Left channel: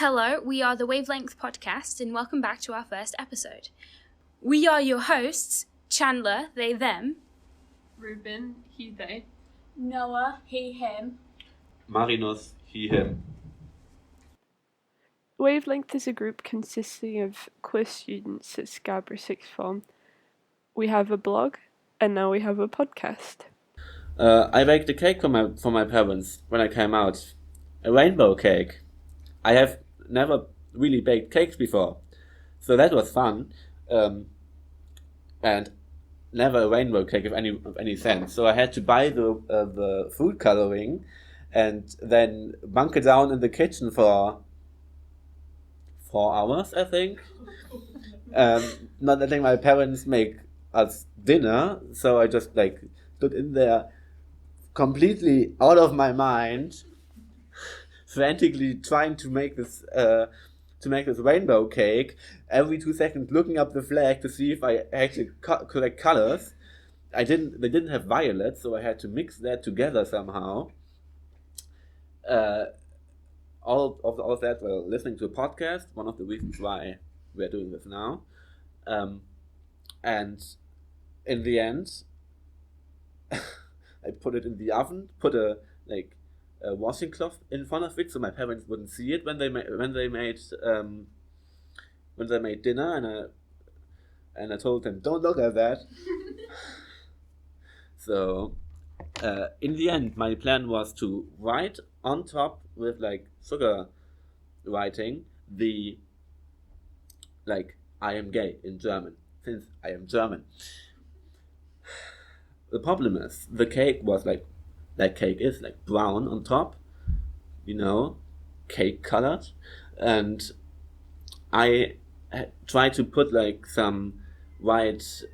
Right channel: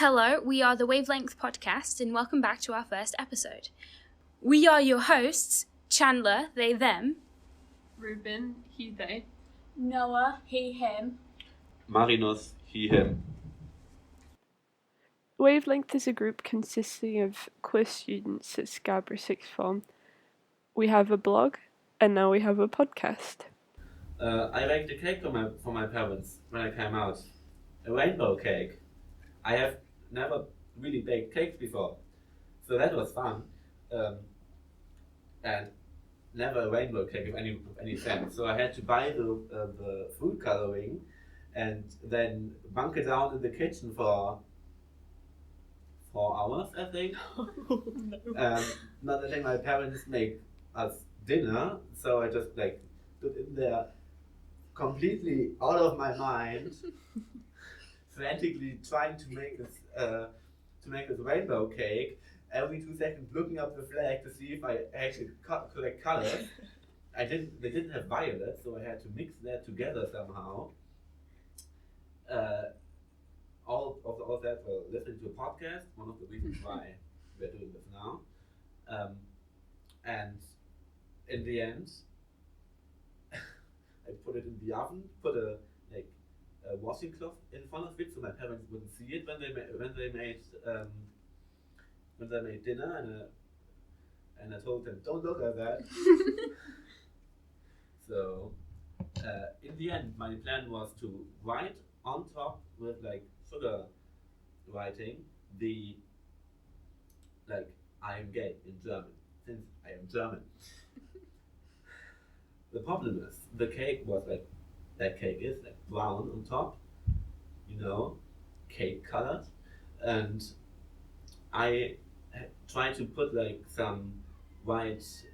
Hello, we are the Wavelength podcast, and welcome back to our first episode. We are your hosts, Chandler, they, them. Ruben, he, they. Noah, he, him. Marinus, he, him. Wavelength is a group consisting of queer students at Scarborough Sixth Form. We have a blog, and now we have a podcast. I baked a cake for my parents when I came out. A rainbow cake. I have never really baked cakes before, so that was fun. And never a rainbow cake of any sense. So I had to buy the food coloring, and then bunker down in the kitchen for 4 hours, I think. Not letting my parents make us dinner, so I just stood in there completely out of my mind, frantically trying to make this rainbow cake. Every 2 seconds, looking up the flag to see if I actually correct colors. They didn't have violet, so I had to mix that together somehow. All of that while listening to a podcast. One of the reasons why we're doing this now. And in the end, I put it in the oven. Put a washing cloth in front of it so my parents wouldn't see it when they made dinner, and I told them, don't look at that. So in the end, my plan was to write on top with sugar writing the I am gay in German, since I am German. The problem is the cake was that cake is brown on top, cake colored, and I tried to put some white,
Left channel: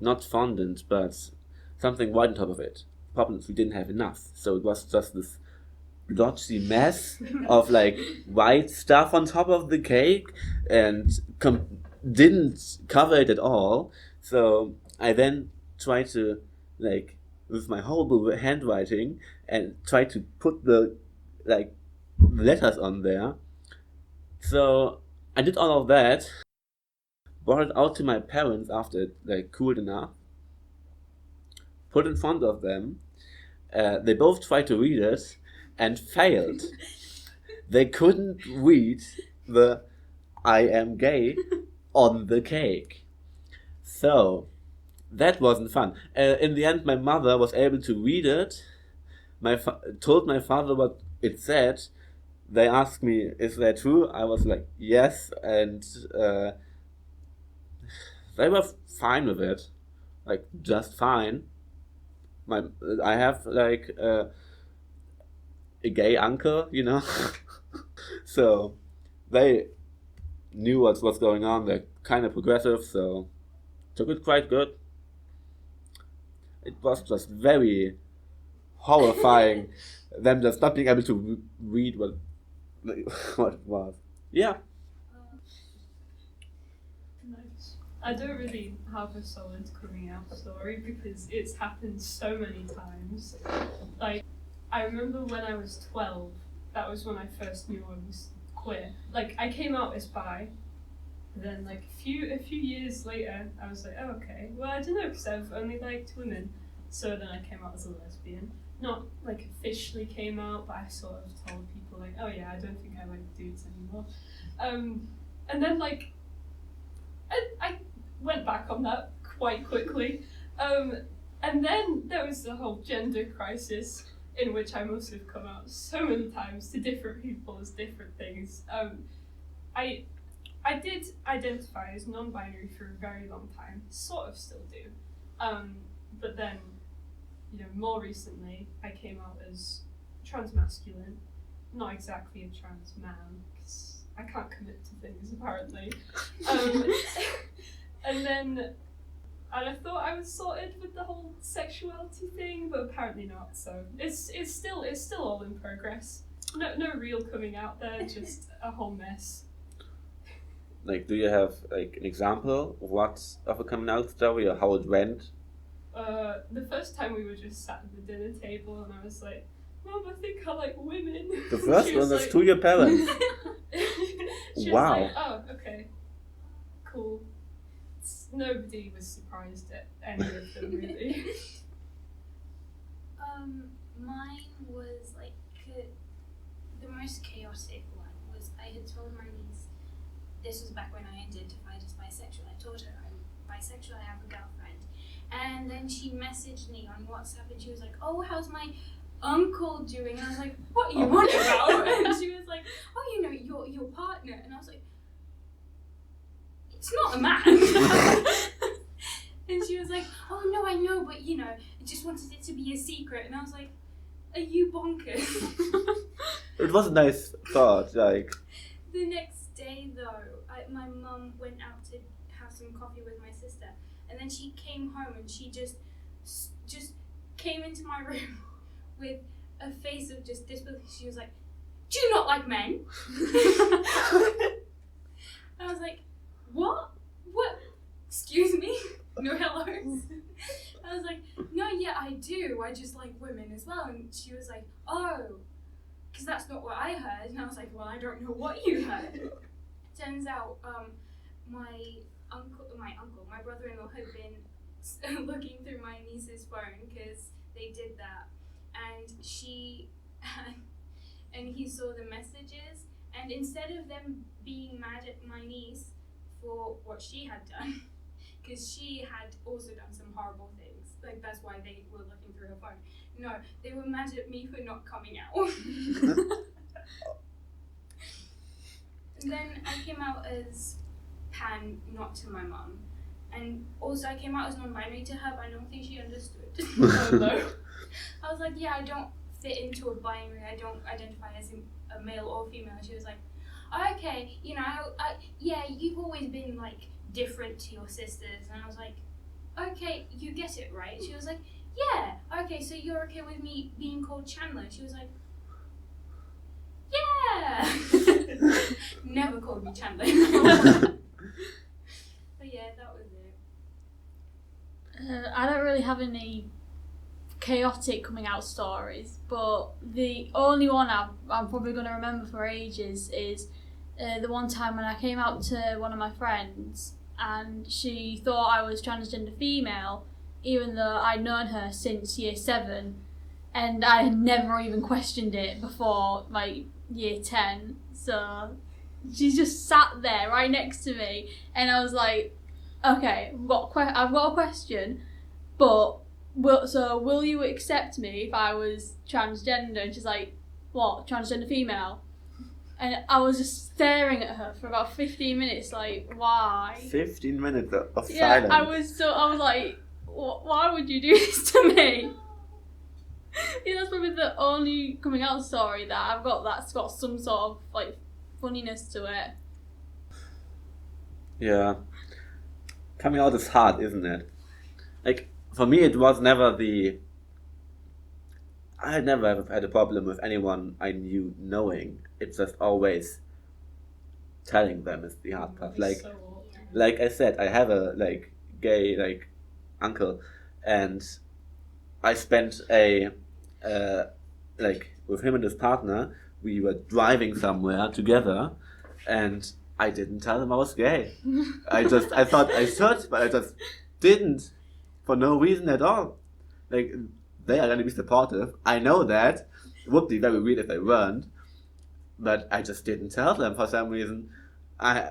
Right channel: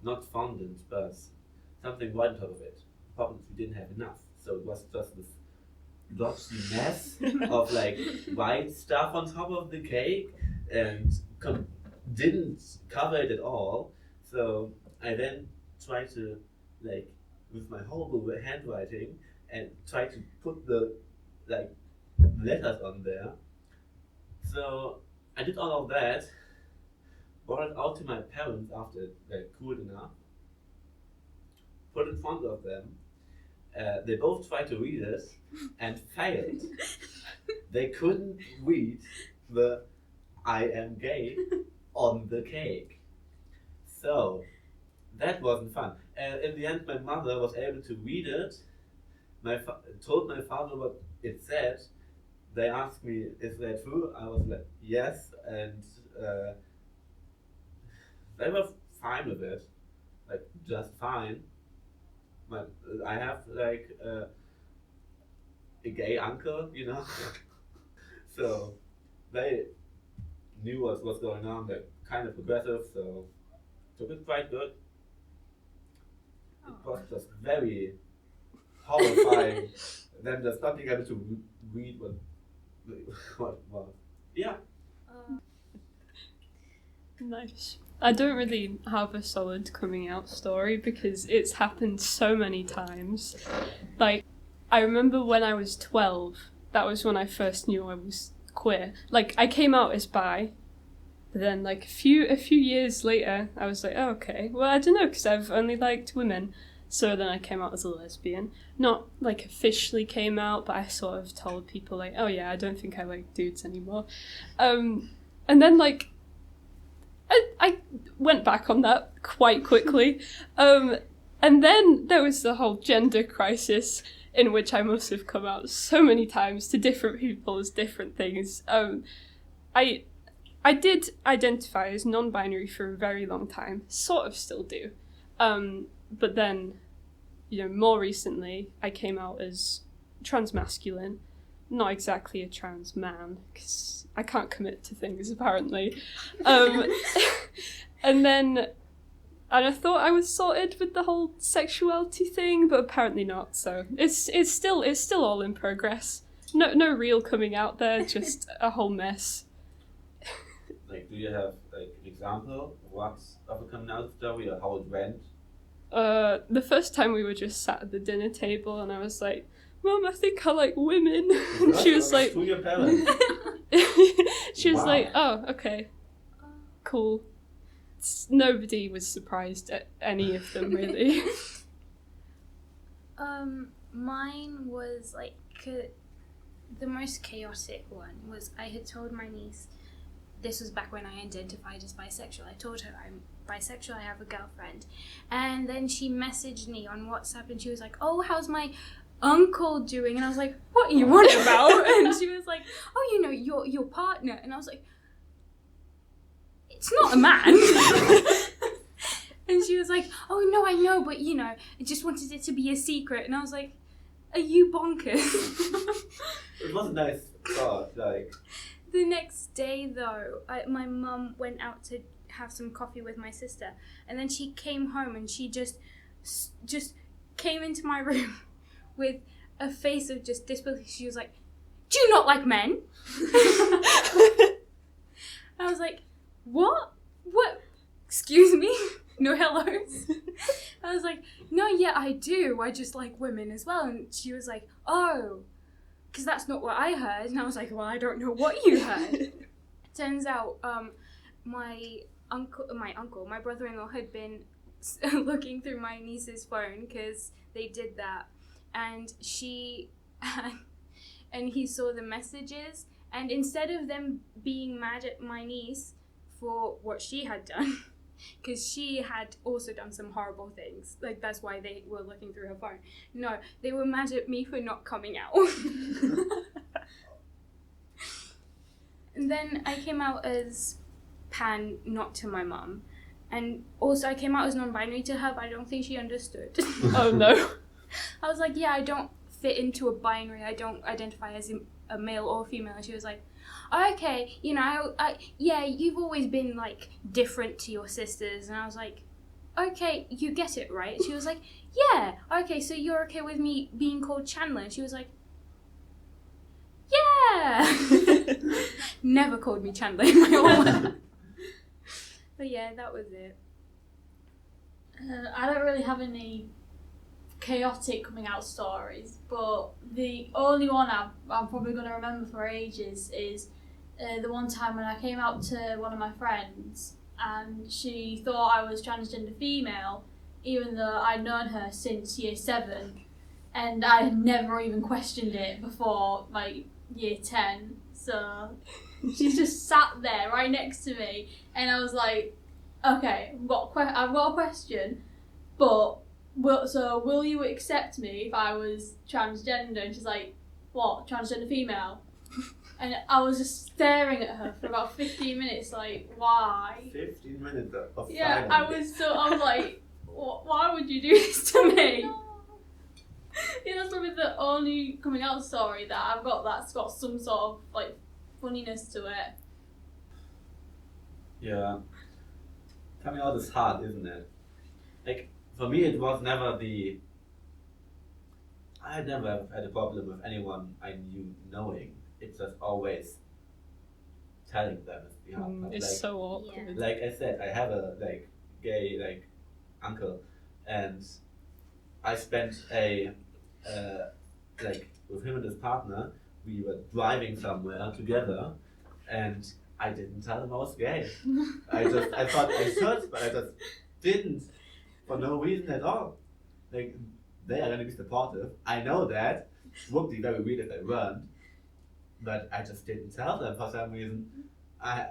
not fondant, but something white on top of it. Problem is we didn't have enough, so it was just this blotchy mess of white stuff on top of the cake, and didn't cover it at all. So I then tried to with my horrible handwriting and try to put the letters on there. So I did all of that, brought it out to my parents after it cooled enough, put in front of them. They both tried to read it and failed. They couldn't read the I am gay on the cake. So that wasn't fun. In the end, my mother was able to read it. Told my father what it said. They asked me, is that true? I was like, yes. And they were fine with it. Just fine. I have a gay uncle, So they knew what's going on. They're kind of progressive, so took it quite good. It was just very horrifying, them just not being able to read what it was. Yeah. Nice. I don't really have a solid coming out story because it's happened so many times. I remember when I was 12, that was when I first knew I was queer. I came out as bi, but then a few years later, I was like, oh, okay. Well, I don't know, because I've only liked women. So then I came out as a lesbian. Not officially came out, but I sort of told people oh yeah, I don't think I like dudes anymore. And then I went back on that quite quickly. And then there was the whole gender crisis, in which I must have come out so many times to different people as different things. I did identify as non-binary for a very long time, sort of still do. But then, more recently, I came out as transmasculine, not exactly a trans man, because I can't commit to things, apparently. And I thought I was sorted with the whole sexuality thing, but apparently not. So it's still all in progress. No real coming out there, just a whole mess. Do you have an example of a coming out story or how it went? The first time we were just sat at the dinner table, and I was like, Mum, I think I like women. The first She one was like, to your parents. she was Wow. like, oh, okay, cool. Nobody was surprised at any of them, really. Mine was like the most chaotic one was I had told my niece, this was back when I identified as bisexual, I told her I'm bisexual, I have a girlfriend, and then she messaged me on WhatsApp and she was like, oh, how's my uncle doing? And I was like, what are you on about? And she was like, oh, you know, your partner. And I was like, it's not a man. And she was like, oh no, I know, but you know, I just wanted it to be a secret. And I was like, are you bonkers? It was a nice thought, like. The next day though, my mum went out to have some coffee with my sister, and then she came home and she just came into my room with a face of just disbelief. She was like, do you not like men? I was like, what? Excuse me? No hellos? I was like, no, yeah, I do. I just like women as well. And she was like, oh, because that's not what I heard. And I was like, well, I don't know what you heard. Turns out my brother-in-law had been looking through my niece's phone because they did that. And and he saw the messages. And instead of them being mad at my niece for what she had done, because she had also done some horrible things, like that's why they were looking through her phone. No, they were mad at me for not coming out. And then I came out as pan, not to my mum, and also I came out as non-binary to her, but I don't think she understood. Oh no. I was like, yeah, I don't fit into a binary, I don't identify as a male or female. And she was like, okay, you know, yeah, you've always been like different to your sisters. And I was like, okay, you get it, right? She was like, yeah, okay, so you're okay with me being called Chandler? And she was like, yeah. Never called me Chandler in my whole life. But yeah, that was it. I don't really have any chaotic coming out stories, but the only one I'm probably going to remember for ages is the one time when I came out to one of my friends and she thought I was transgender female, even though I'd known her since year 7 and I had never even questioned it before like year 10. So she just sat there right next to me and I was like, okay, I've got a question, but will you accept me if I was transgender? And she's like, what, transgender female? And I was just staring at her for about 15 minutes, like, why? 15 minutes of Yeah, silence. I was like, why would you do this to me? Yeah, that's probably the only coming out story that I've got that's got some sort of, like, funniness to it. Yeah. Coming out is hard, isn't it? Like, for me, it was never I had never had a problem with anyone I knew knowing. It's just always telling them is the hard part. It's Like, so awkward. like I said, I have a gay uncle, and I spent with him and his partner. We were driving somewhere together, and I didn't tell them I was gay. I thought I should, but I just didn't, for no reason at all. Like, they are going to be supportive. I know that. It would be very weird if they weren't. But I just didn't tell them for some reason. I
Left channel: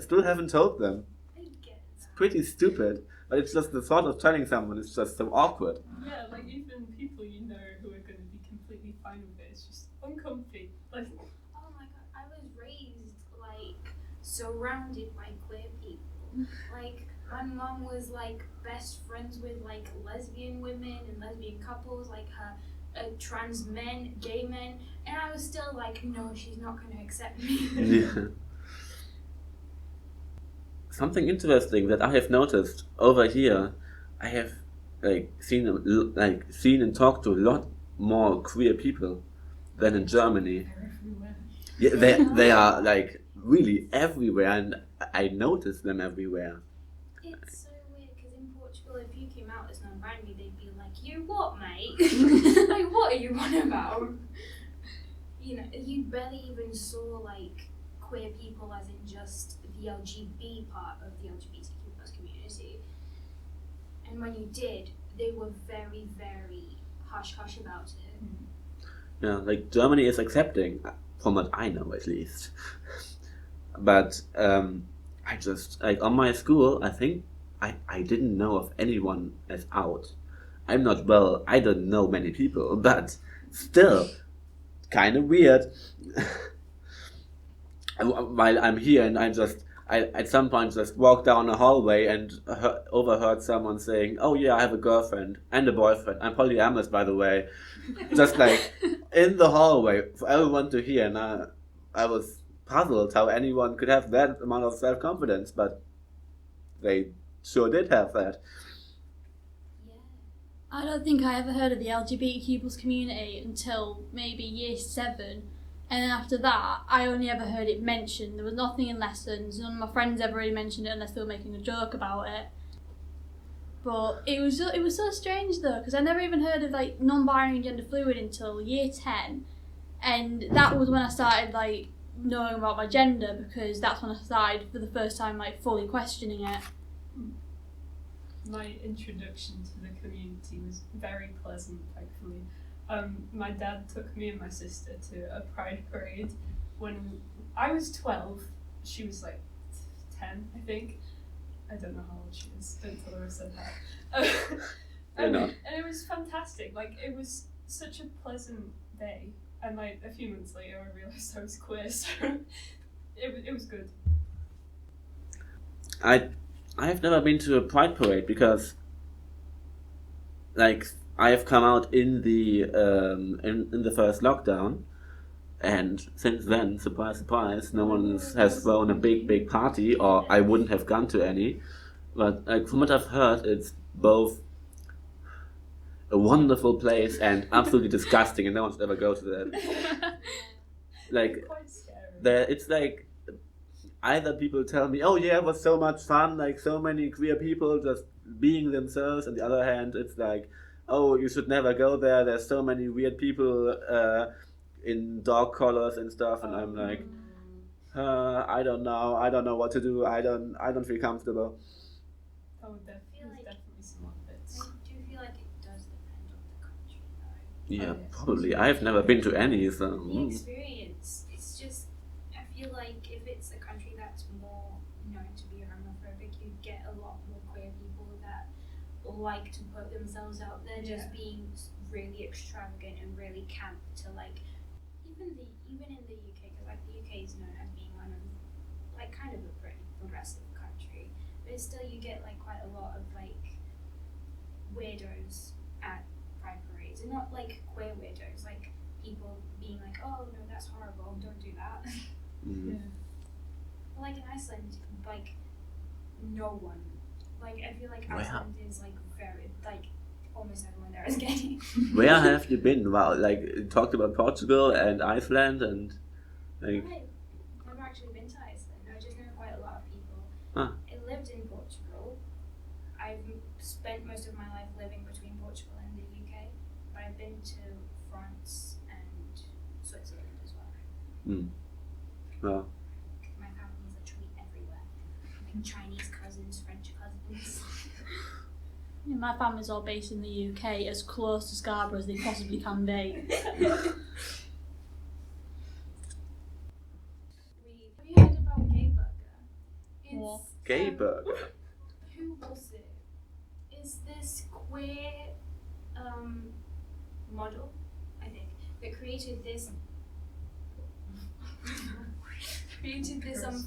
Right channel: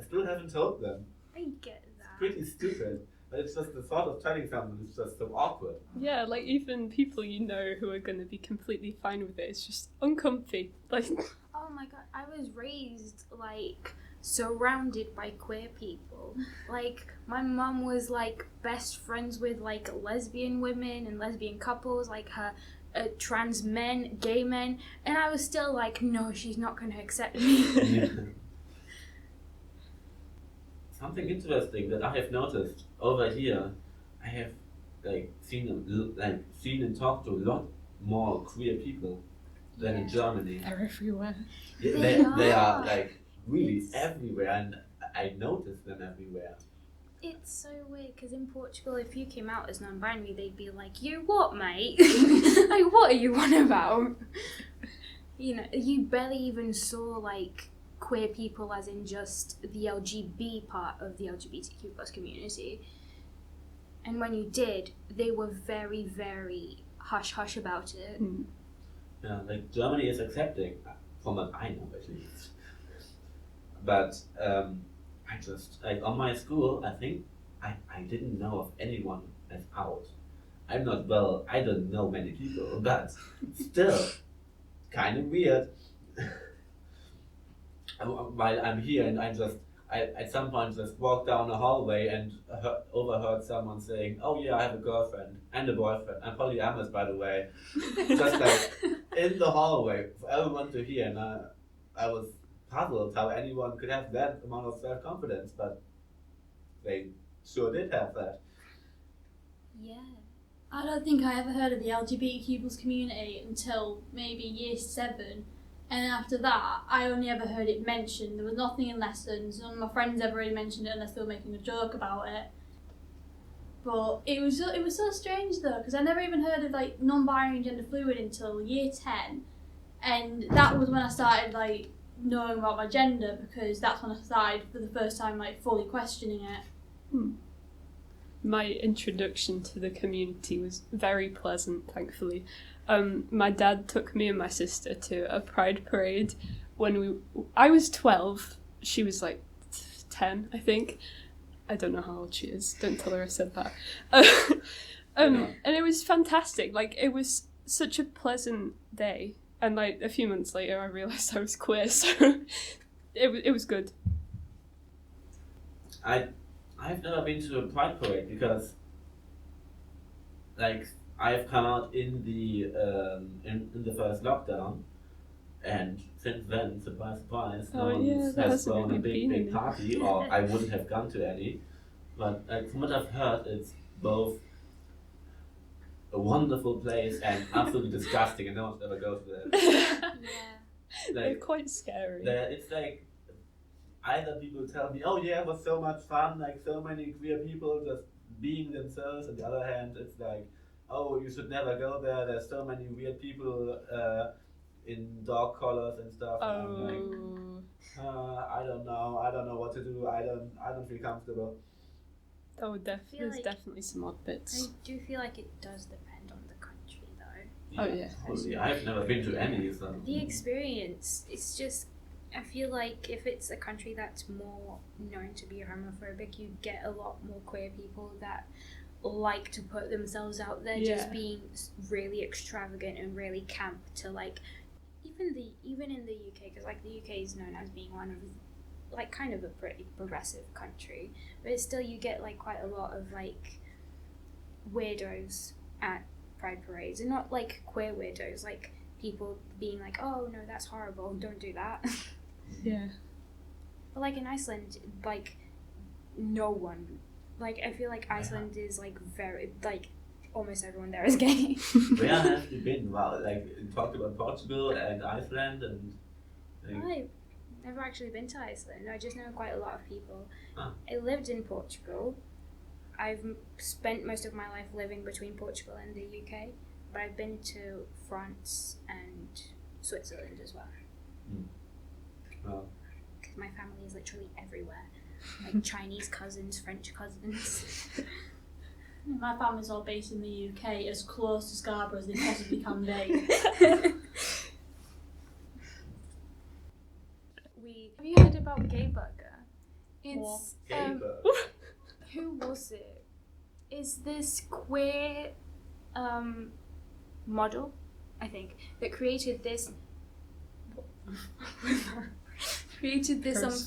still haven't told them. I get It's that. pretty stupid. But it's just the thought of telling someone is just so awkward. Yeah, like even people you know who are going to be completely fine with it, it's just uncomfy. Like, Oh my god, I was raised like surrounded by queer people. Like my mum was like best friends with like lesbian women and lesbian couples, like her trans men, gay men, and I was still like, no, she's not going to accept me. Yeah. Something interesting that I have noticed over here, I have seen and talked to a lot more queer people than in Germany. they're everywhere. Yeah, they are like really everywhere, and I notice them everywhere. It's so weird because in Portugal, if you came out as non-binary, they'd be like, "You what, mate? Like, what are you on about?" You know, you barely even saw like queer people as in just the LGB part of the LGBTQ plus community. And when you did, they were very, very hush-hush about it. Yeah, like Germany is accepting, from what I know at least. But I just, like on my school, I think I didn't know of anyone as out. I'm not well, I don't know many people, but still, kind of weird. While I'm here and I at some point just walked down a hallway and overheard someone saying, "Oh yeah, I have a girlfriend and a boyfriend. I'm polyamorous, by the way." Just like in the hallway for everyone to hear, and I was puzzled how anyone could have that amount of self-confidence, but they sure did have that. Yeah. I don't think I ever heard of the LGBTQ plus community until maybe year 7. And then after that, I only ever heard it mentioned. There was nothing in lessons. None of my friends ever really mentioned it unless they were making a joke about it. But it was so strange though, because I never even heard of like non-binary and gender fluid until year 10. And that was when I started like knowing about my gender, because that's when I started for the first time like fully questioning it. My introduction to the community was very pleasant, thankfully. My dad took me and my sister to a pride parade when I was 12. She was like 10, I think. I don't know how old she is. Don't tell her I said that. And it was fantastic. Like, it was such a pleasant day. And like a few months later, I realised I was queer, so it was good. I've never been to a pride parade because, like, I've come out in the in the first lockdown, and since then, surprise, surprise, no one has thrown a big party, or I wouldn't have gone to any. But like from what I've heard, it's both a wonderful place and absolutely disgusting, and no one should ever go to that. Like, they're quite scary. It's like either people tell me, "Oh yeah, it was so much fun, like so many queer people just being themselves," and the other hand, it's like, "Oh, you should never go there. There's so many weird people in dog collars and stuff." And I'm like, I don't know what to do. I don't feel comfortable. Oh, there's definitely some odd bits. I do feel like it does depend on the country, though. Yeah, probably. I've never been to any, so the experience. It's just, I feel like if it's a country that's more known to be homophobic, you get a lot more queer people that like to put themselves out there, just being really extravagant and really camp to like even in the UK, because like the UK is known as being one of like kind of a pretty progressive country, but still you get like quite a lot of like weirdos at pride parades, and not like queer weirdos, like people being like, "Oh no, that's horrible, don't do that." Yeah. But like in Iceland, like no one, like I feel like Iceland is like very, like almost everyone there is gay. Where have you been? Wow, like you talked about Portugal and Iceland and like. I've never actually been to Iceland. I just know quite a lot of people. Huh. I lived in Portugal. I've spent most of my life living between Portugal and the UK, but I've been to France and Switzerland as well. Well, because my family is literally everywhere, like Chinese cousins, French cousins. My family's all based in the UK, as close to Scarborough as they possibly can be. Have you heard about Gay Burger? It's Gay Burger. Who was it? Is this queer model, I think, that created this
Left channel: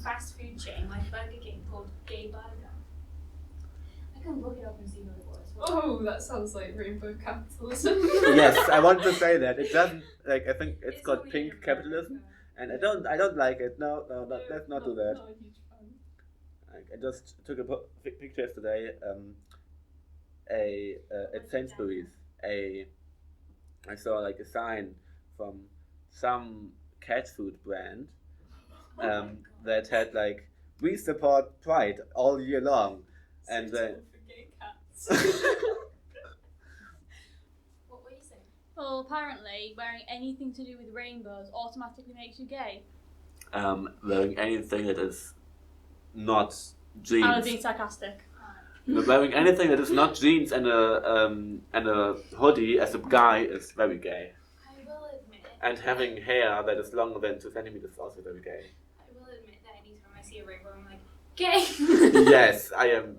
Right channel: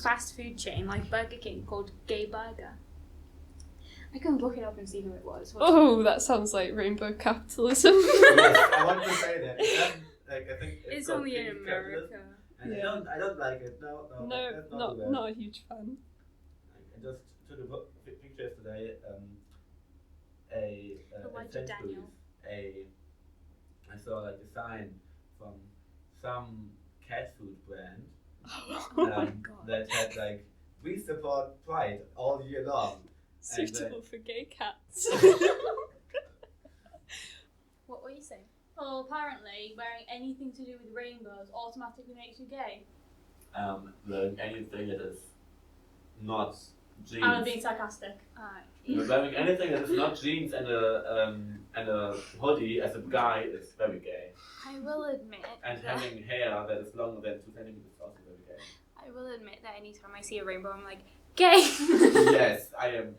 fast food chain like Burger King called Gay Burger. I can look it up and see who it was. Oh, that sounds like rainbow capitalism. Yes, I want to say that. It doesn't, like, I think it's called only pink in capitalism, and Yeah. I don't like it. No, let's not do that. Not a huge fan. I just took a picture yesterday. At Sainsbury's, I saw like a sign from some cat food brand my God. that had like, "We support Pride all year long." And Suitable for gay cats. What were you saying? Well, apparently, wearing anything to do with rainbows automatically makes you gay. Wearing anything that is not jeans. I was being sarcastic. Wearing anything that is not jeans and a hoodie as a guy is very gay. I will admit. And having hair that is longer than 2 centimeters is also very gay. I will admit that anytime I see a rainbow, I'm like, gay. Yes, I am.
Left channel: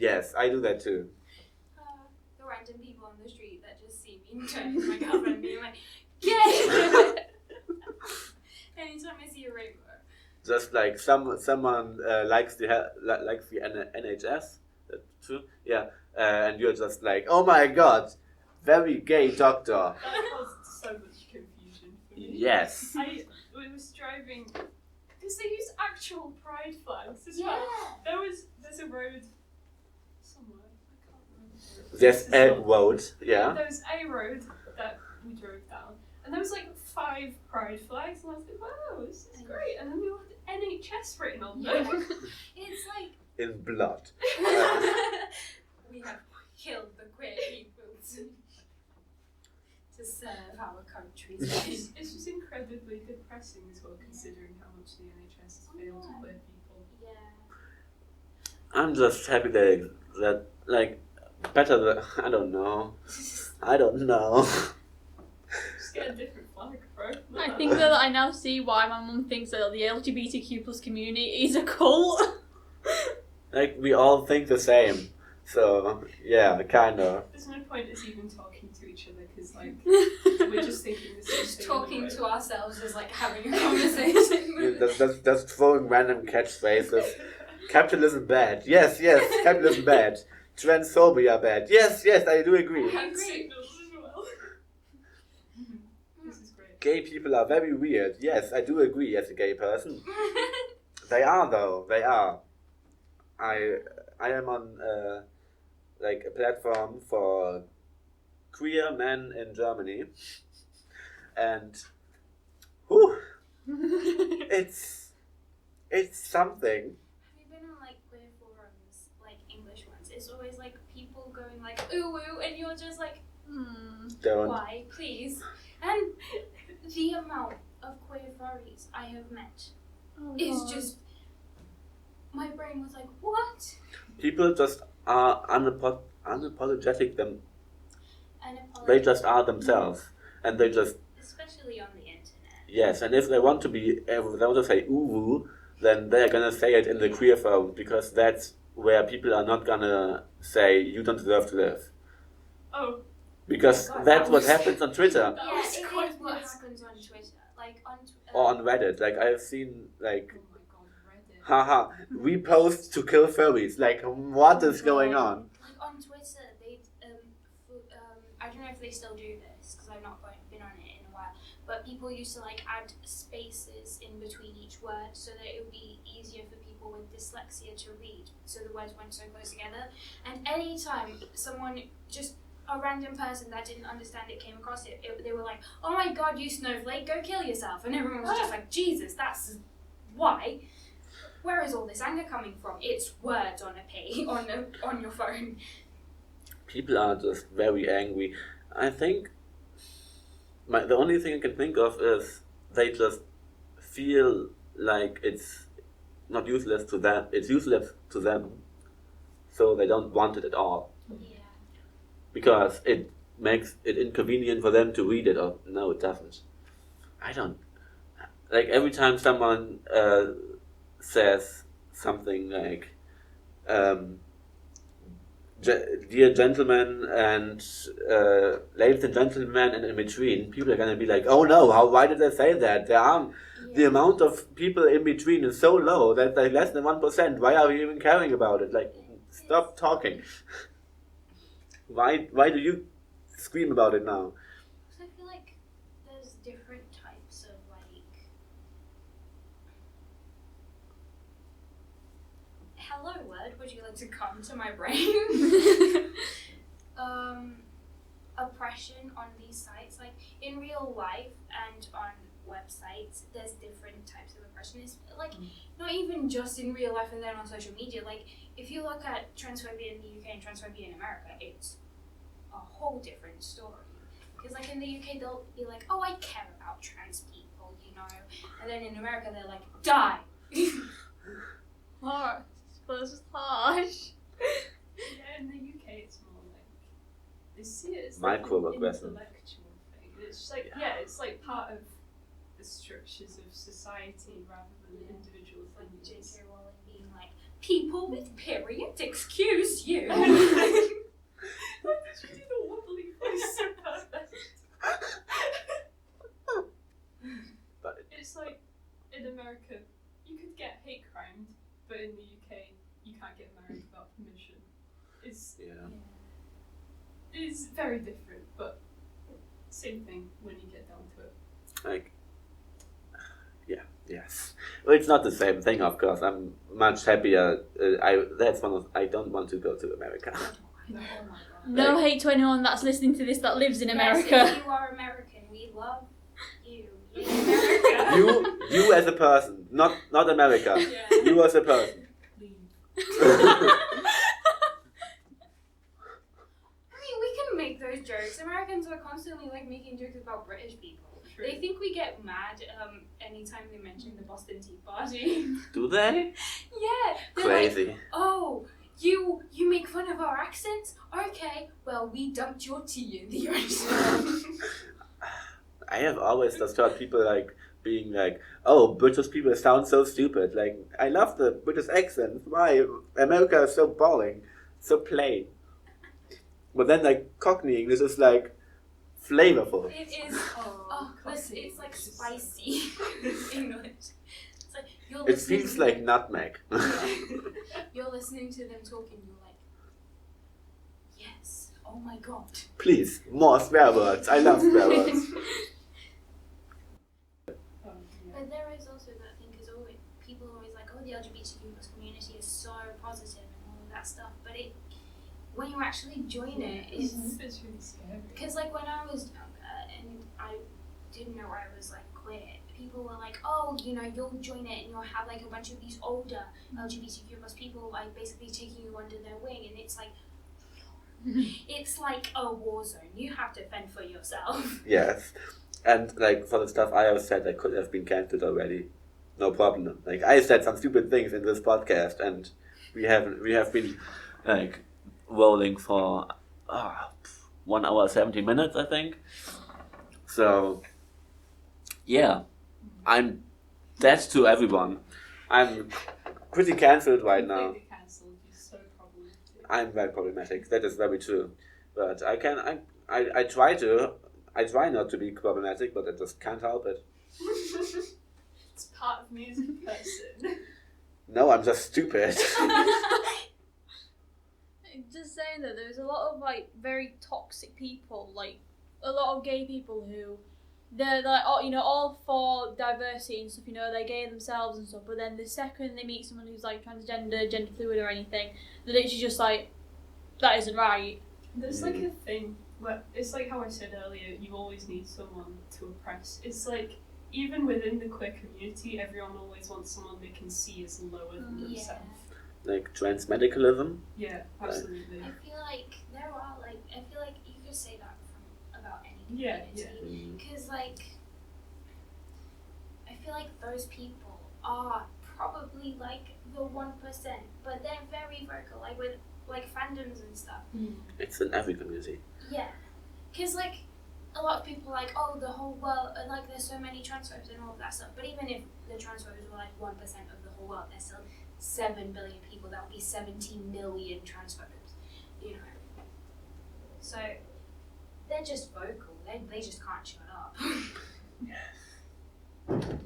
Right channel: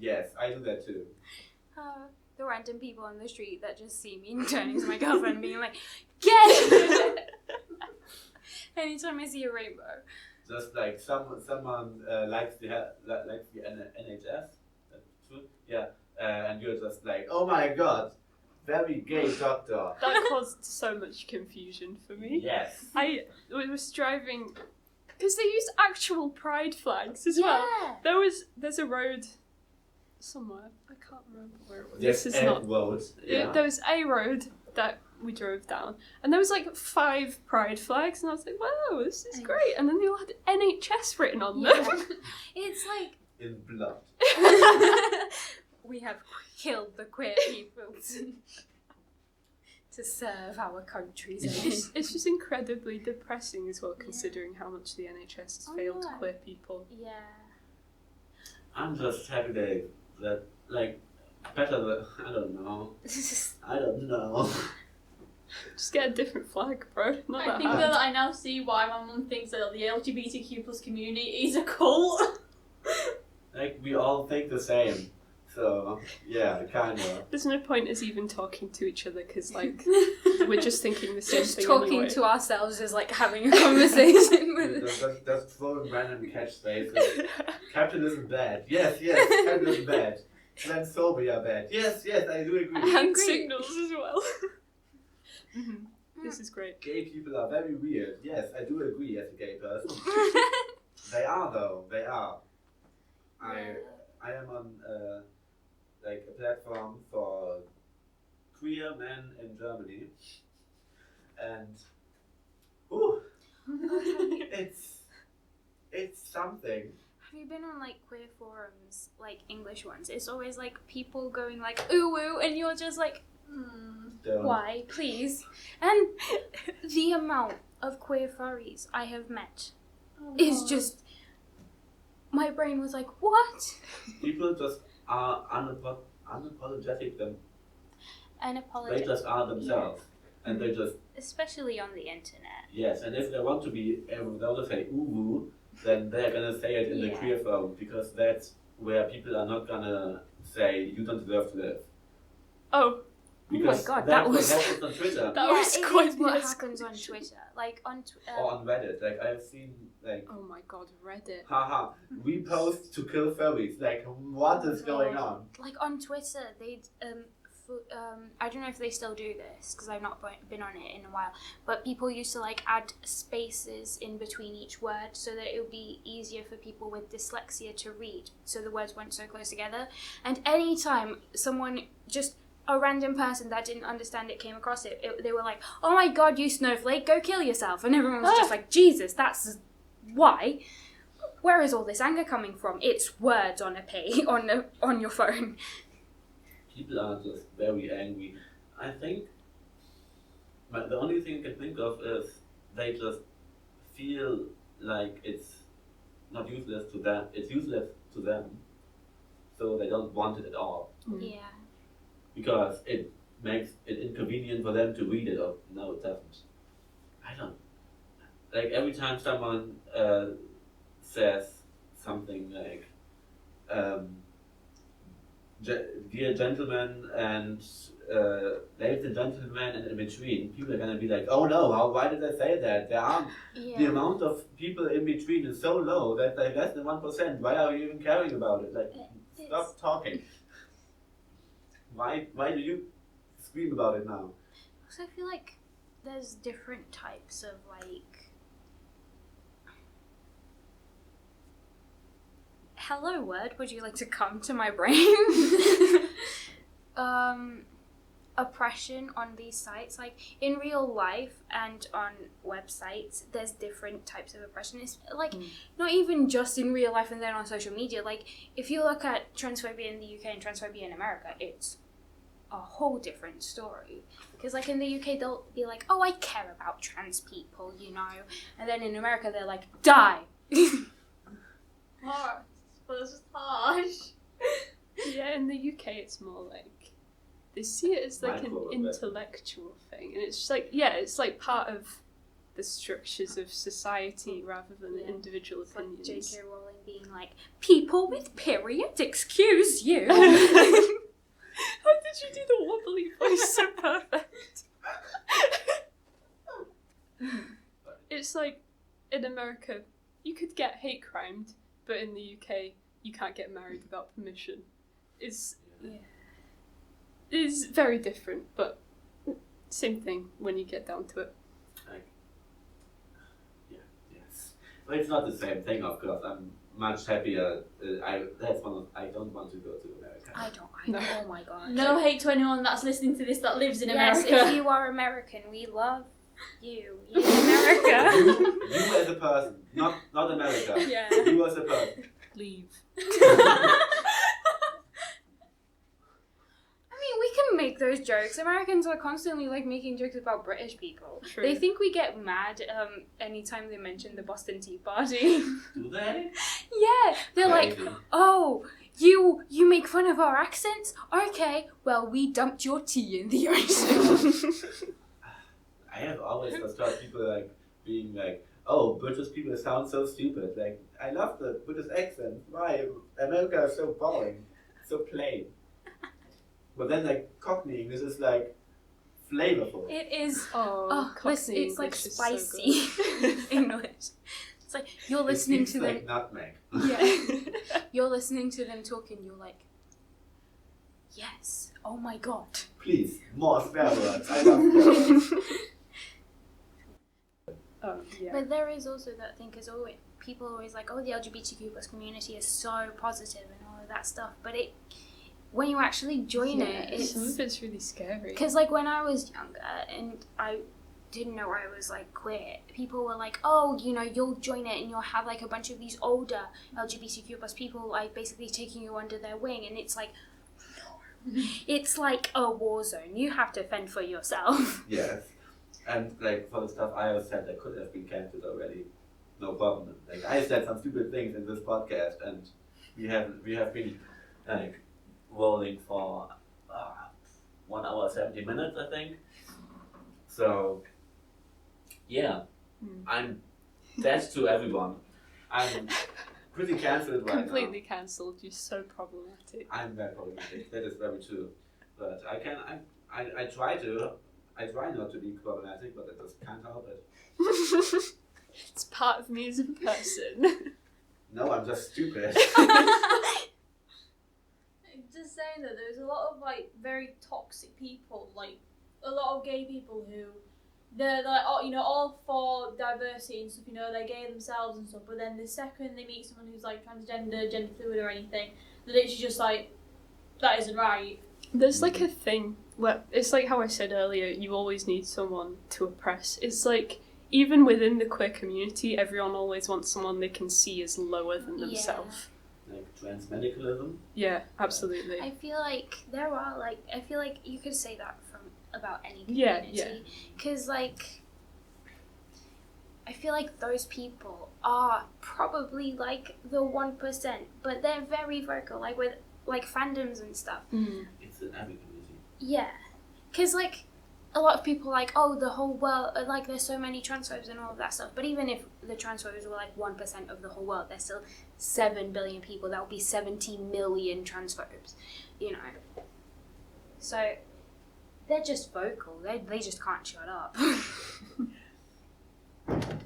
Yes, I do that too. The random people on the street that just see me and turn into my girlfriend and being like, gay. Anytime I see a rainbow. Just like someone likes the NHS. That's true. Yeah, and you're just like, oh my god, very gay doctor. That caused so much confusion for me. Yes. I was driving because they used actual pride flags as well. Yeah. There's a road somewhere. I can't remember where it was. There's This is a not- road. Yeah. There was a road that we drove down, and there was like 5 pride flags, and I was like, wow, this is great. And then they all had NHS written on them. Yeah. It's like In blood. we have killed the queer people to serve our country's end. It's just incredibly depressing as well, considering how much the NHS has failed yeah. queer people. Yeah. I'm just happy that like better than I don't know. Just get a different flag, bro. Not I that think hard. that I now see why my mum thinks that the LGBTQ plus community is a cult. Like we all think the same. So yeah, kind of. There's no point us even talking to each other because like we're just thinking the same Just thing. talking anyway. to ourselves is like having a conversation. Just throwing random catchphrases. Capitalism bad. Yes, capitalism bad. Transphobia bad. Yes, I do agree. Hand agree. signals as well. This is great. Gay people are very weird. Yes, I do agree as a gay person. They are though. They are. I am on like a platform for queer men in Germany, and it's something. Have you been on like queer forums, like English ones? It's always like people going like ooh woo, and you're just like, Don't. why, please? And the amount of queer furries I have met is just. My brain was like, what? People just are unapologetic them. Unapologetic. They just are themselves, and they just Especially on the internet. yes. And if they want to be, if they want to say ooh woo, then they're gonna say it in the Yeah. queer forum because that's where people are not gonna say you don't deserve to live. Oh, Because God, that's that what was- happens on Twitter that yeah, was it quite is what nice. happens on Twitter. Like on or on Reddit. Like I've seen like oh my god, Reddit. haha, we post to kill furries. Like what is going on? Like on Twitter, they I don't know if they still do this because I've not been on it in a while. But people used to like add spaces in between each word so that it would be easier for people with dyslexia to read, so the words weren't so close together. And anytime someone a random person that didn't understand it came across it, they were like, "Oh my god, you snowflake, go kill yourself!" And everyone was just like, "Jesus, that's why." Where is all this anger coming from? It's words on a page on your phone. People are just very angry. I think the only thing I can think of is they just feel like it's not useless to them. It's useless to them, so they don't want it at all Yeah. because it makes it inconvenient for them to read it. Or no, it doesn't. I don't like every time someone says something like. Dear gentlemen and ladies and gentlemen and in between, people are gonna be like, oh no, why did they say that? The amount of people in between is so low that like less than 1%. Why are we even caring about it? Like, stop talking. Why do you scream about it now? So I feel like there's different types of like. Hello, word. Would you like to come to my brain? oppression on these sites. Like in real life and on websites, there's different types of oppression. It's like not even just in real life and then on social media. Like if you look at transphobia in the UK and transphobia in America, it's a whole different story. Because like in the UK, they'll be like, "Oh, I care about trans people," you know, and then in America, they're like, "Die." Harsh. But it's just harsh. Yeah, in the UK, it's more like they see it as like an intellectual thing, and it's just like it's like part of the structures of society rather than individual opinions. Like J.K. Rowling being like, "People with periods, excuse you." How did you do the wobbly voice so perfect? It's like in America, you could get hate crimed, but in the UK, you can't get married without permission. It's very different, but same thing when you get down to it. Like, yes. Well, it's not the same thing, of course. I'm much happier. I don't want to go to America. I don't. No. Oh my god. No hate to anyone that's listening to this that lives in America. Yes, if you are American, we love you. You America. You as a person, not America. Yeah. You as a person. Leave. I mean, we can make those jokes. Americans are constantly like making jokes about British people. True. They think we get mad anytime they mention the Boston Tea Party. Do they? Yeah, they're Crazy. like, "Oh, you make fun of our accents? Okay, well, we dumped your tea in the ocean." I have always just heard people like being like, "Oh, British people sound so stupid." Like, I love the British accent. Why? America is so boring, so plain. But then like Cockney English is like flavorful. It is. Cockney It's like English is so spicy English. It's like you're It listening feels to like them. nutmeg. Yeah. You're listening to them talking. You're like, yes. Oh my god. Please, more swear words. I love swear words. Yeah. But there is also that thing because people are always like, "Oh, the LGBTQ plus community is so positive and all of that stuff." But when you actually join it, some of it's really scary. Because like when I was younger and I didn't know I was like queer, people were like, "Oh, you know, you'll join it and you'll have like a bunch of these older LGBTQ plus people like basically taking you under their wing," and it's like, no, it's like a war zone. You have to fend for yourself. Yes. And like for the stuff I have said, I could have been cancelled already. No problem. Like I said some stupid things in this podcast, and we have been like rolling for 1 hour 70 minutes, I think. So yeah, I'm dead to everyone. I'm pretty cancelled right now. Completely cancelled. You're so problematic. I'm very problematic. That is very true. But I try not to be problematic, but I just can't help it. It's part of me as a person. No, I'm just stupid. Just saying that there's a lot of like very toxic people, like a lot of gay people who they're like, oh, you know, all for diversity and stuff, you know, they're gay themselves and stuff, but then the second they meet someone who's like transgender, gender fluid or anything, they're literally just like, that isn't right. There's like a thing where it's like how I said earlier, you always need someone to oppress. It's like even within the queer community, everyone always wants someone they can see as lower than themselves. Like transmedicalism. Yeah, absolutely. I feel like there are like I feel like you could say that from about any Yeah, community. Because like I feel like those people are probably like the 1%, but they're very vocal, like with like fandoms and stuff. It's in every community. Yeah, because like a lot of people are like, oh, the whole world, like there's so many transphobes and all of that stuff. But even if the transphobes were like 1% of the whole world, there's still 7 billion people. That would be 70 million transphobes, you know. So they're just vocal. They just can't shut up.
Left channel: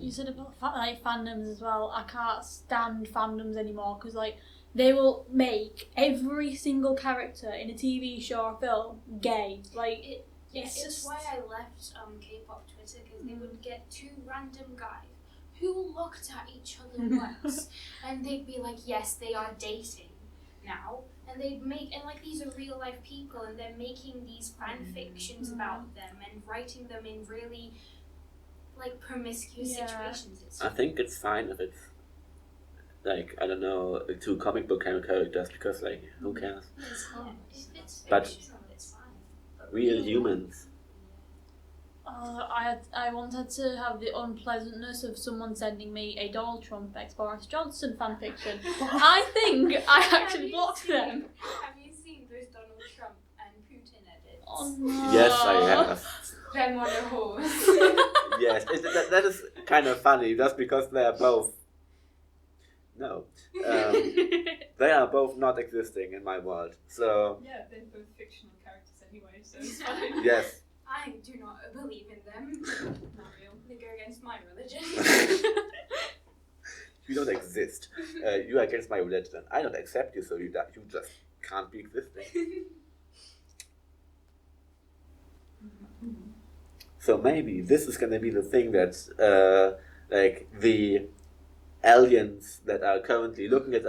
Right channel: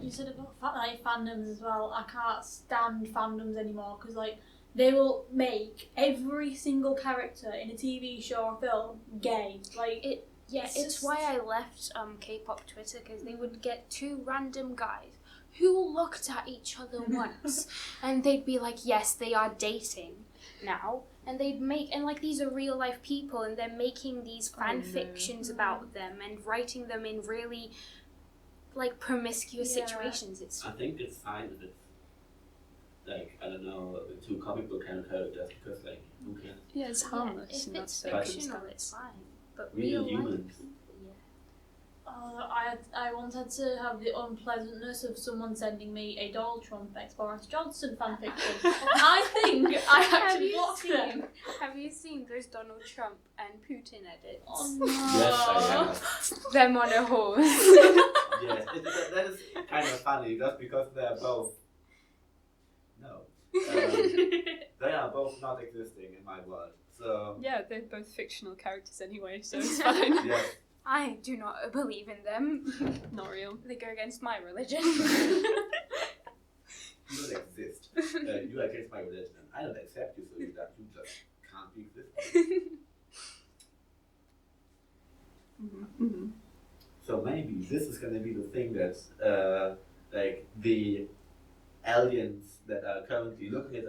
You said about like fandoms as well. I can't stand fandoms anymore because like they will make every single character in a TV show or film gay. Like it's just why I left K-pop Twitter, because they would get 2 random guys who looked at each other once and they'd be like, yes, they are dating now, and they'd make, and like these are real life people, and they're making these fan fictions about them and writing them in really like promiscuous situations. It's I think it's fine if it's like, I don't know, 2 comic book characters, because like, who cares? Yeah, it's harmless. if it's But- fictional, it's fine. But Real life- humans. I once had to have the unpleasantness of someone sending me a Donald Trump ex Boris Johnson fanfiction. I think I Have actually you blocked seen- them. Have you seen those Donald Trump and Putin edits? Oh no. Yes, I have. Them on a horse. Yes, that is kind of funny, just because they are both. No. They are both not existing in my world. So, Yeah, they're both fictional characters anyway, so it's fine. yes. I do not believe in them. Not real. They go against my religion. You don't exist. You are against my religion. I don't accept you, so you just can't be existing. Mm-hmm. So maybe this is gonna be the thing that, like, the aliens that are currently looking at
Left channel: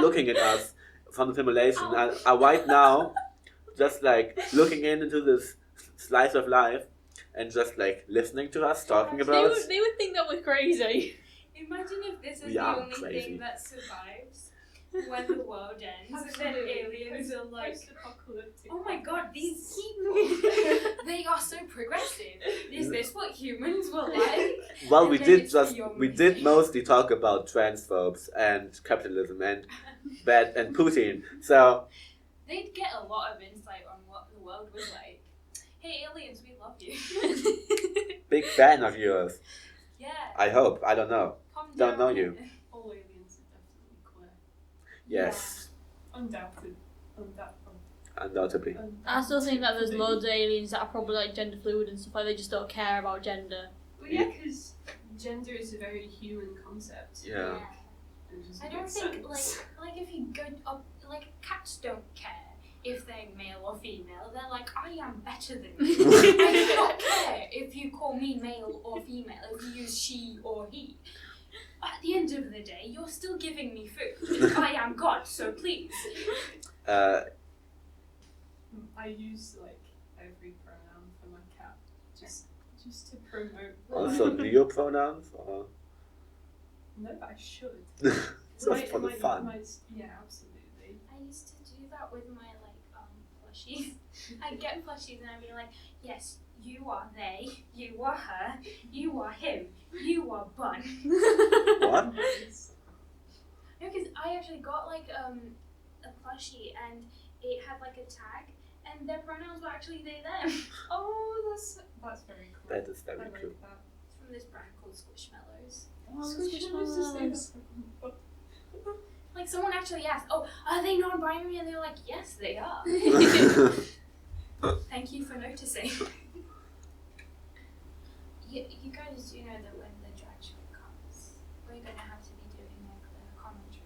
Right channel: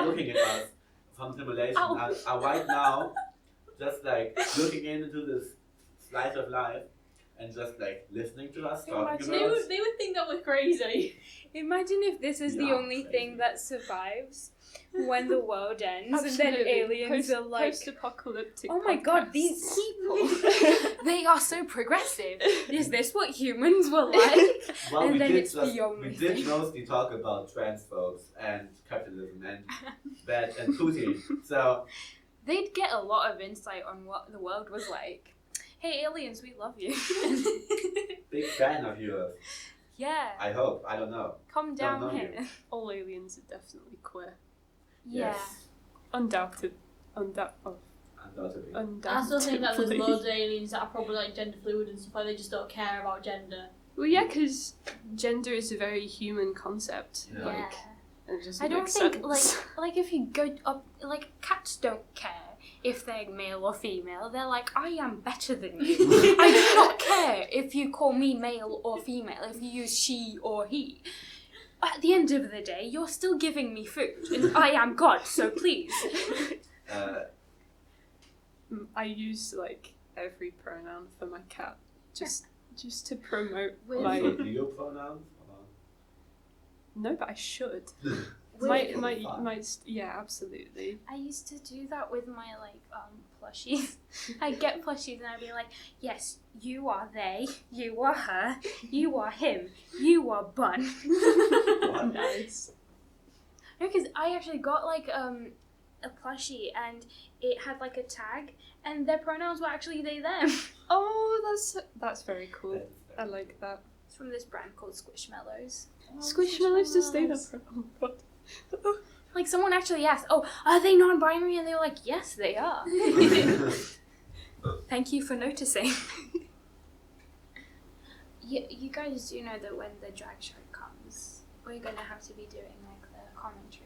looking at us from the simulation are right now just like looking into this slice of life and just like listening to us talking about us. They would think that we're crazy. Imagine if this is Yeah, the only crazy. thing that survives when the world ends, and then Absolutely. aliens are like, Post-apocalyptic. "Oh my god, podcasts. these people! They are so progressive. Is this what humans were like?" Well, And we then did it's the only did thing. mostly talk about transphobes and capitalism and Putin. So They'd get a lot of insight on what the world was like. Hey, aliens, we love you. big fan of yours. Yeah. I hope. I don't know. Come don't down know here. you. All aliens are definitely queer. Yes, Undoubtedly. undoubtedly. I still think that there's loads of aliens that are probably like gender fluid and stuff like they just don't care about gender. Well, yeah, because gender is a very human concept. Yeah. Like, and it doesn't I don't make think sense. like if you go up, like cats don't care if they're male or female. They're like, I am better than you. I do not care if you call me male or female, if you use she or he. At the end of the day, you're still giving me food, and I am God, so please. I use like every pronoun for my cat, just to promote. Also, Like, neopronouns or no, but I should. just for the fun. Yeah, absolutely. I used to do that with my plushies. I'd get plushies and I'd be like, yes, you are they, you are her, you are him, you are Bun. What? Nice. No, because I actually got like a plushie and it had like a tag and their pronouns were actually they them. Oh, that's very cool. That is very I cool. like that. It's from this brand called Squishmallows. Squishmallows to stay there. Like someone actually asked, oh, are they non-binary? And they were like, yes, they are. Thank you for noticing. You guys do know that when the drag show comes, we're going to have to be doing like the commentary.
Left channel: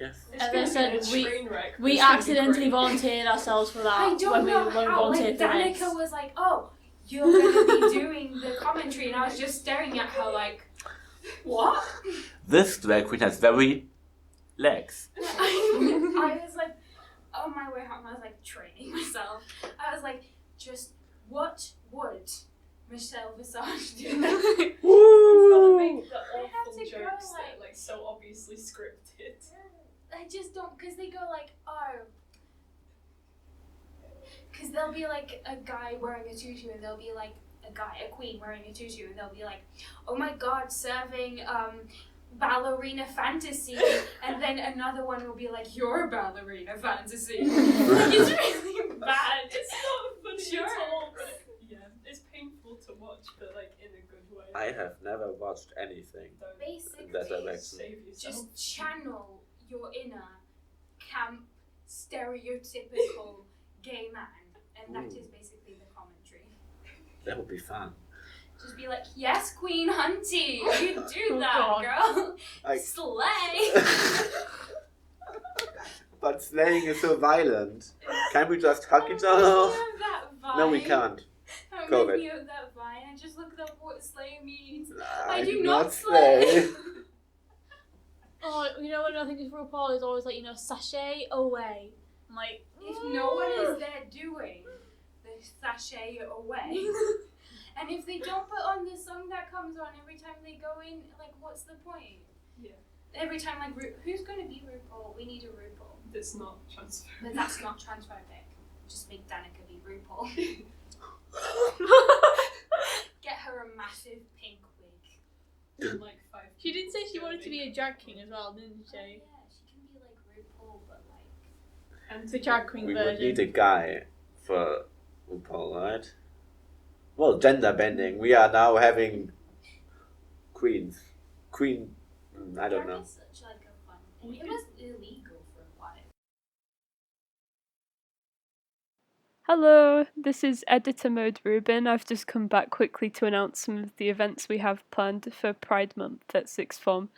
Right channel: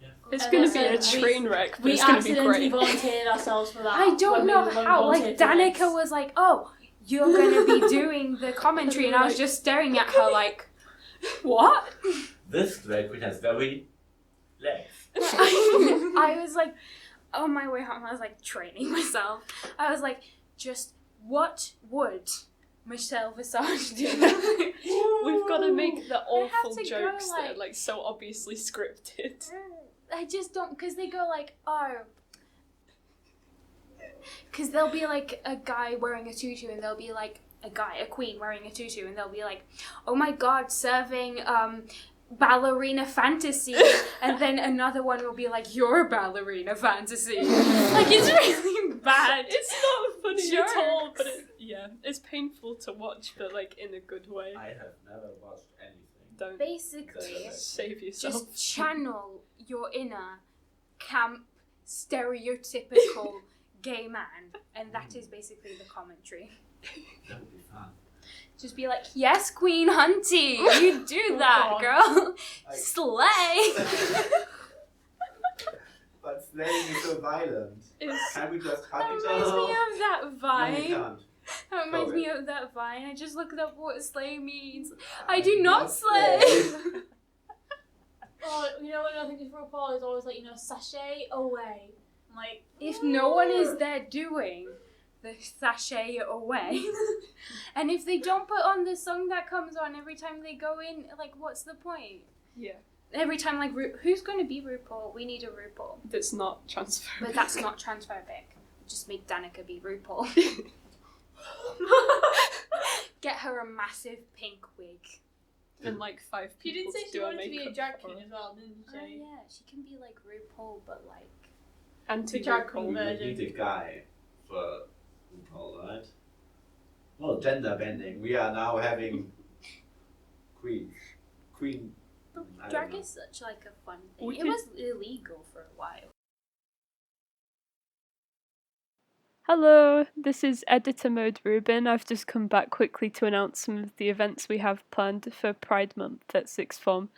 Yes. It's As going I to be a said, train wreck. but We it's gonna be accidentally great. volunteered ourselves for that. I don't when know we how. Like volunteered for Danica this. was like, "Oh, you're gonna be doing the commentary," and I was just staring at her like, "What?" This drag queen has very legs. I was like, on my way home, I was like training myself. I was like, just what would Michelle Visage do? We've got to make the have awful to go, jokes that like- are like so obviously scripted. I just don't, because they go like, oh. Because there'll be like a guy wearing a tutu and there'll be like a queen wearing a tutu and they'll be like, oh my god, serving ballerina fantasy. And then another one will be like, you're a ballerina fantasy. Like, it's really bad. It's not funny Jokes. at all, but it's painful to watch, but like in a good way. I have never watched anything. Don't Basically, That's like- save yourself. just channel your inner camp, stereotypical gay man. And that is basically the commentary. That would be fun. Just be like, yes, Queen Hunty, you do that, Oh, girl. I- Slay. But slaying is so violent. It's- Can't we just hug That each reminds other? me of that vine. No, we can't. That Go reminds me ahead. of that vine. I just looked up what slay means. I do not slay. Oh, you know what I think of RuPaul is always like, sashay away. I'm like, If no one is there doing the sashay away, and if they don't put on the song that comes on every time they go in, like, what's the point? Yeah. Every time, like, who's going to be RuPaul? We need a RuPaul. That's not transphobic. But that's not transphobic. Just make Danica be RuPaul. Get her a massive pink wig. And like 5 she did people say to she do wanted to be a makeup drag for queen her. as well, didn't Oh she? yeah, she can be like RuPaul, but like... And The drag queen We would version. need a guy for RuPaul, right? Well, gender bending. We are now having queens. Queen. I don't drag know. is such like a fun thing. We It could- was illegal for a while. Hello, this is Editor Mode Ruben. I've just come back quickly to announce some of the events we have planned for Pride Month at Sixth Form.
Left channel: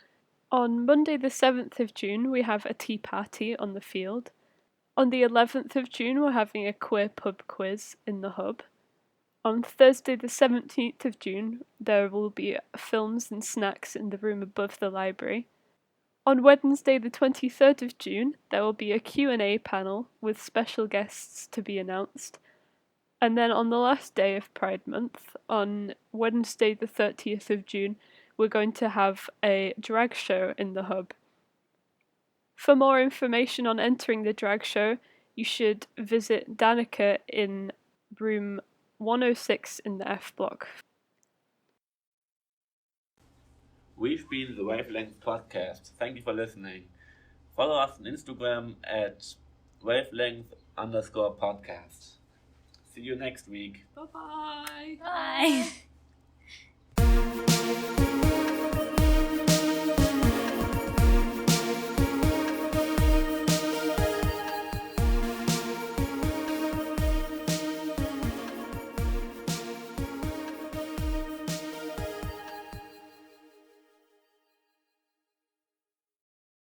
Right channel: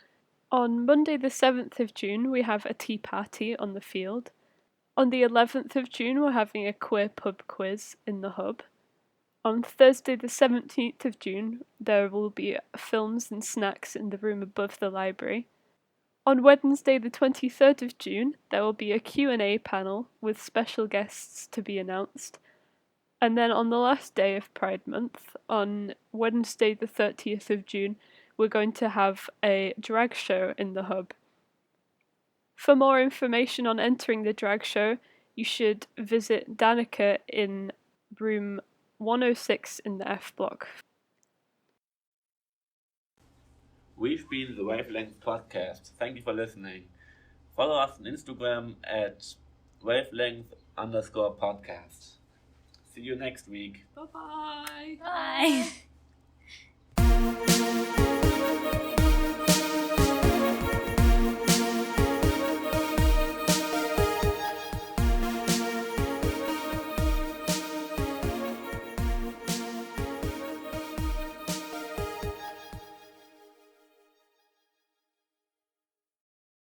On Monday the 7th of June, we have a tea party on the field. On the 11th of June, we're having a queer pub quiz in the hub. On Thursday the 17th of June, there will be films and snacks in the room above the library. On Wednesday the 23rd of June, there will be a Q&A panel with special guests to be announced. And then on the last day of Pride Month, on Wednesday the 30th of June, we're going to have a drag show in the hub. For more information on entering the drag show, you should visit Danica in room 106 in the F block. We've been the Wavelength podcast. Thank you for listening. Follow us on Instagram at wavelength_podcast. See you next week. Bye-bye! Bye.